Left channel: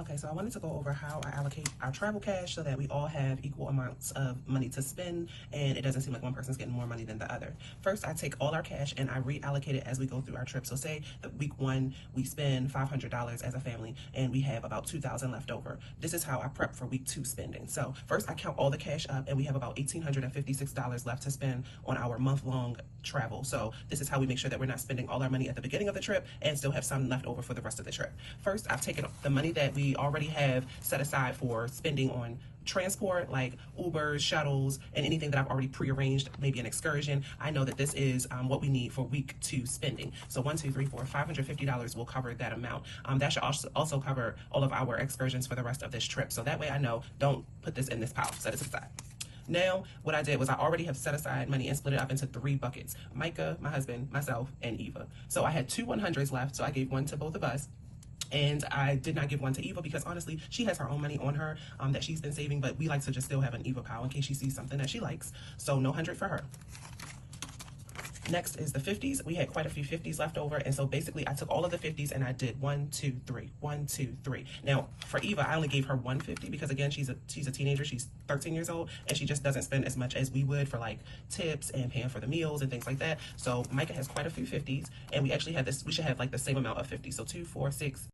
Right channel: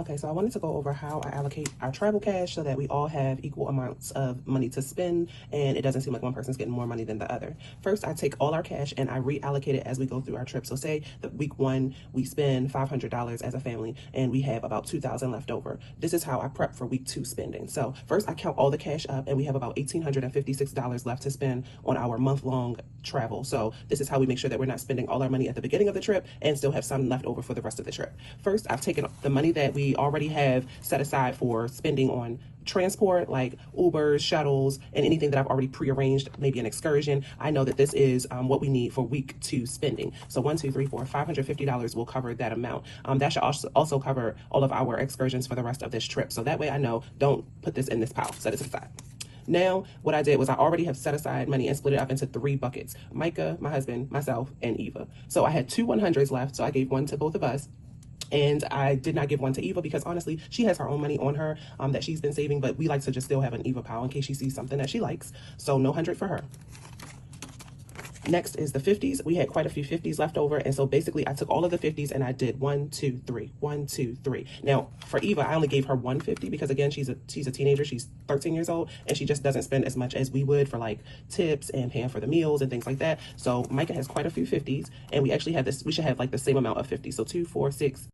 Okay, so I wanted to go over how I allocate our travel cash so that we all have equal amounts of money to spend and it doesn't seem like one person's getting more money than the other. First, I take all our cash and I reallocate it as we go through our trip. So say that week 1, we spend $500 as a family and we have about $2,000 left over. This is how I prep for week 2 spending. So first, I count all the cash up and we have about $1,856 left to spend on our month-long travel. So this is how we make sure that we're not spending all our money at the beginning of the trip and still have some left over for the rest of the trip. First, I've taken the money that we already have set aside for spending on transport, like Ubers, shuttles, and anything that I've already prearranged, maybe an excursion. I know that this is what we need for week 2 spending. So $550 will cover that amount. That should also cover all of our excursions for the rest of this trip. So that way I know, don't put this in this pile, set it aside. Now, what I did was I already have set aside money and split it up into 3 buckets. Micah, my husband, myself, and Eva. So I had 2 100s left, so I gave one to both of us. And I did not give one to Eva because honestly, she has her own money on her that she's been saving, but we like to just still have an Eva pile in case she sees something that she likes. So no 100 for her. Next is the 50s. We had quite a few 50s left over. And so basically I took all of the 50s and I did 1, 2, 3, 1, 2, 3. Now for Eva, I only gave her 150 because again, she's a teenager. She's 13 years old and she just doesn't spend as much as we would for like tips and paying for the meals and things like that. So Micah has quite a few 50s and we actually have this, we should have like the same amount of 50s. So 2, 4, 6,